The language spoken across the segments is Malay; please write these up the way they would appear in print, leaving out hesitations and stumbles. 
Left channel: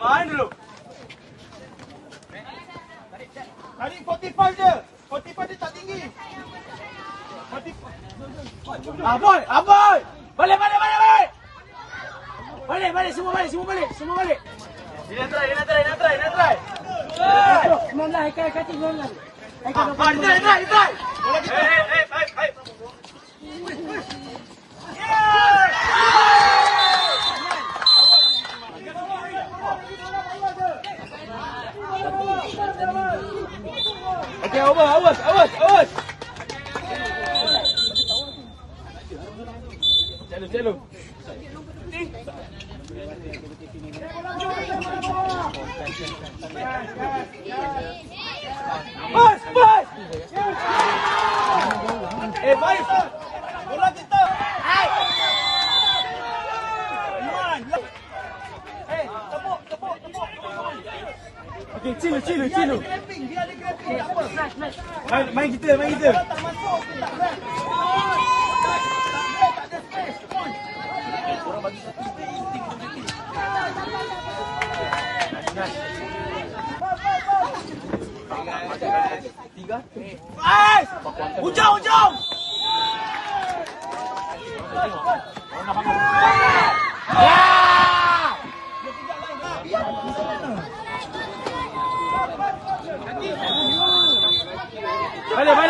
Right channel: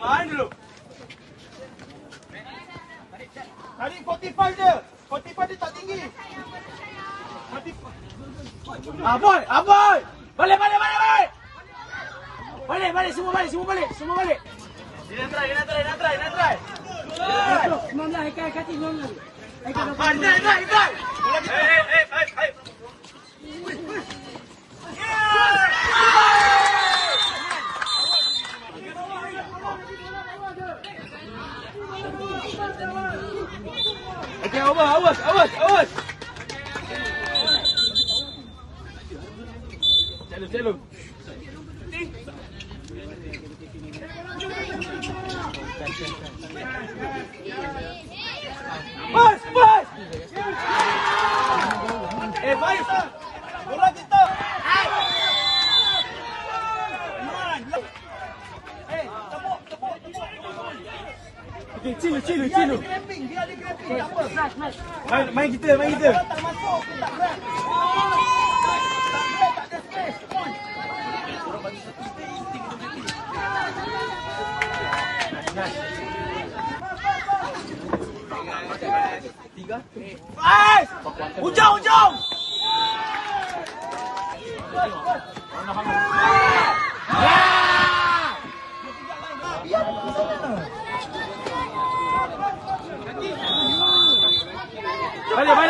Main dulu. Tarik 45 dia. 45 dia tak tinggi. 45. Aboy. Balik. Balik, semua balik. Dia nak try. Semangat, Haikal kata semangat. Dia try. Okay, awas. Celo. Bas. Baik. Bola kita. Okay, chill. Dia ada grabbing. Tak apa. Main kita. Kalau tak masuk, tak grab. Tak ada space. Tiga. Ujung.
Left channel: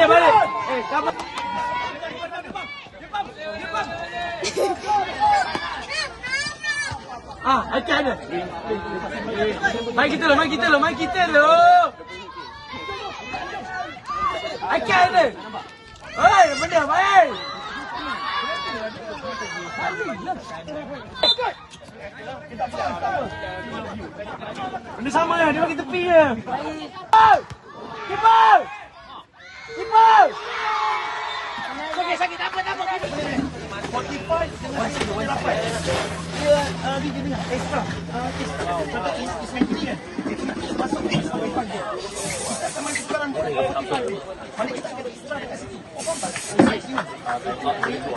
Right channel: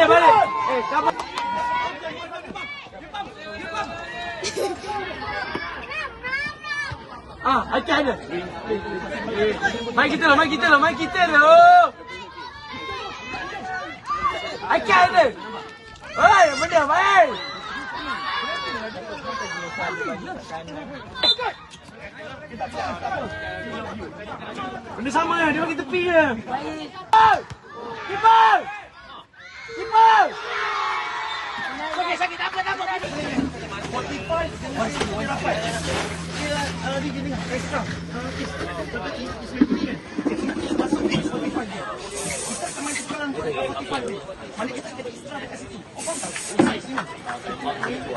Balik. Sabar. Akan ada. Main kita lo. Akan ada. Oi, benda main. Benda sama lah, dia bagi tepi je. Keeper! Sakit, tak apa. 45 dengan 8. Dia jadi extra. Ismail ini kan. Masuk extra 45 dia. Kita akan main sekarang 45 dia. Balik kita ada extra dekat situ. Faham tak?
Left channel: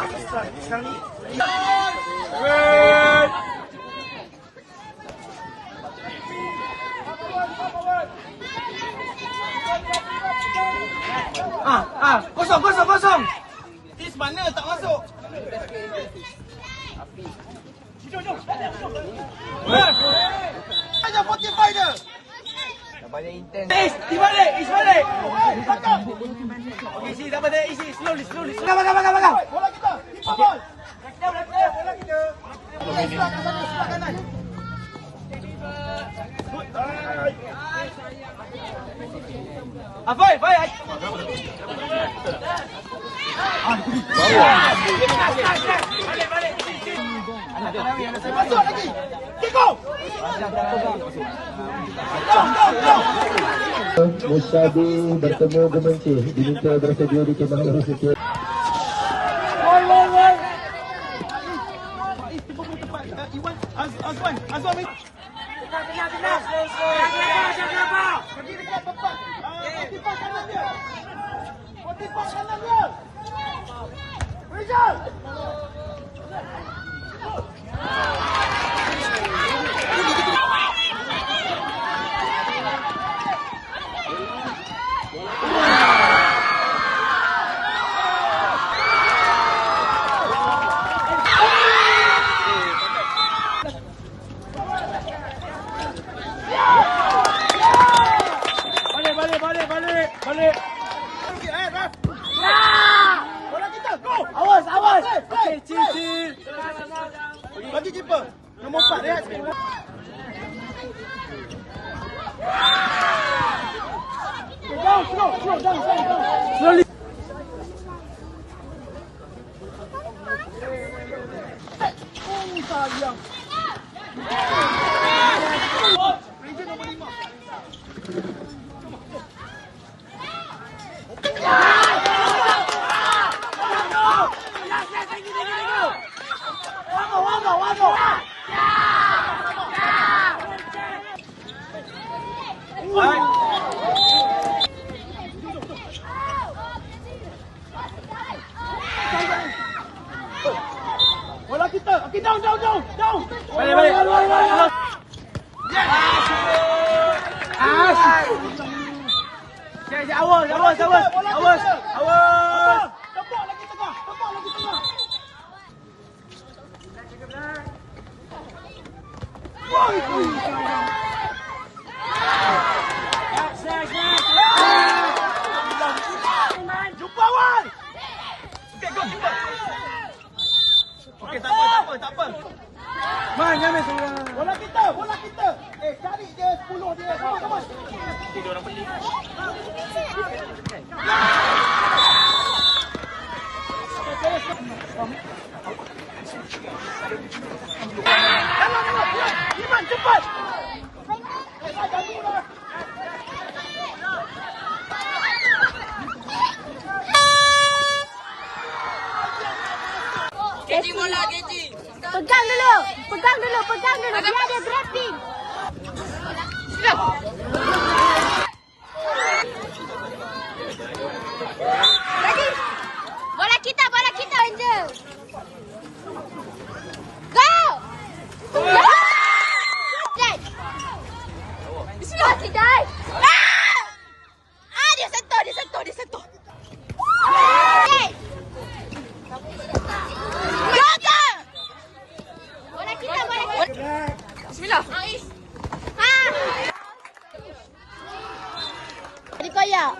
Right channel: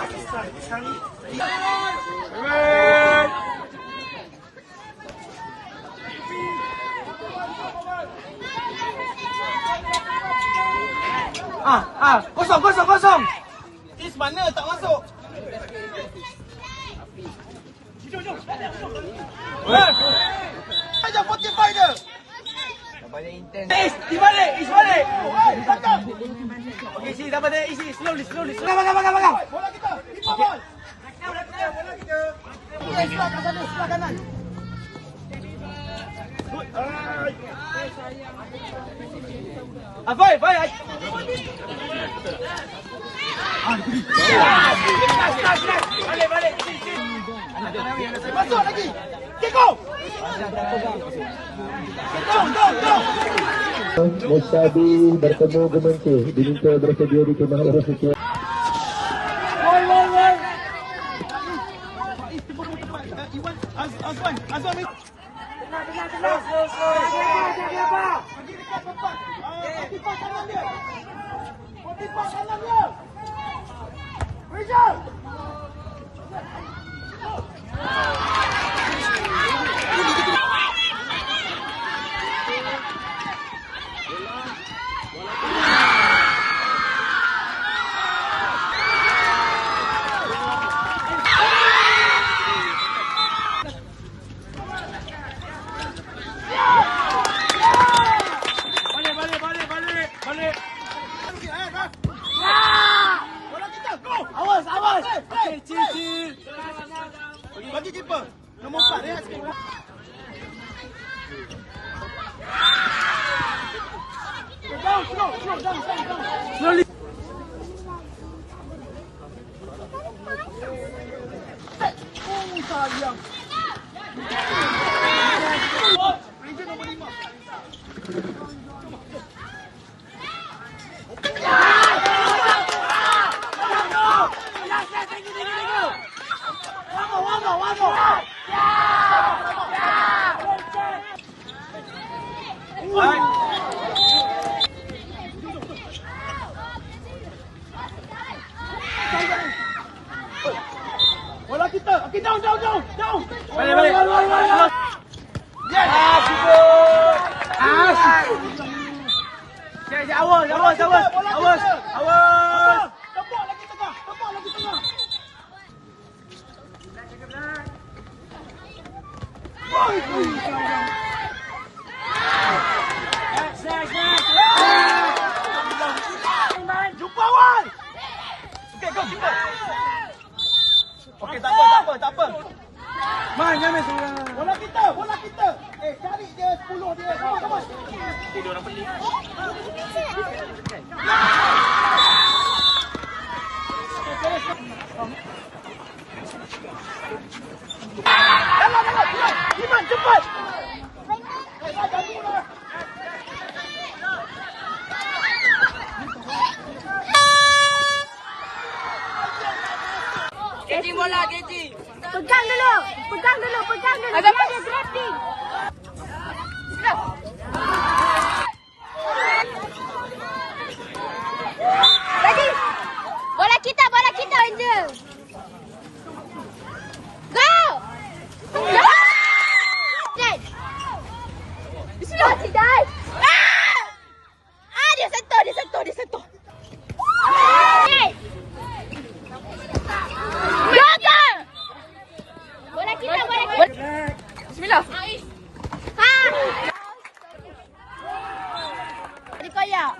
Extra sekarang ni. Kosong. Is mana tak masuk? Jom. Aja 45 dia. Tak banyak intense. Is balik. Okey, sini dapat dia isi slowly. Bagang. Bola kita. Kita bol. Bola kita. Sebelah kanan. Apoy. Balik. Masuk lagi. Kiko. Musyabi bertemu Gemencih diminta bersedia di kemah Universiti. Azwan. Bagi dekat pepak. Goalkeeper kanan dia. Goalkeeper kanan dia. Rizal. Balik. Bola kita, go. Awas. Okey, cil. Bagi keeper. Nombor 4 rehat sikit. Down. Slowly. Oh, sayang. Ranger nombor 5. Vamos. Bola kita. Okey, down. Balik. Awas. Tepuk lagi tengah. Jumpa awal. Okey, tak apa. Man, jangan bola kita. Cari dia 10 dia. Come on. Dia orang beli. Iman, cepat. Pegang dulu. Dia ada drifting. Jadi, bola kita Angel. Go! Bismillah, tidak. Dia sentuh. Hey! Bola kita. Bismillah. Digoyang.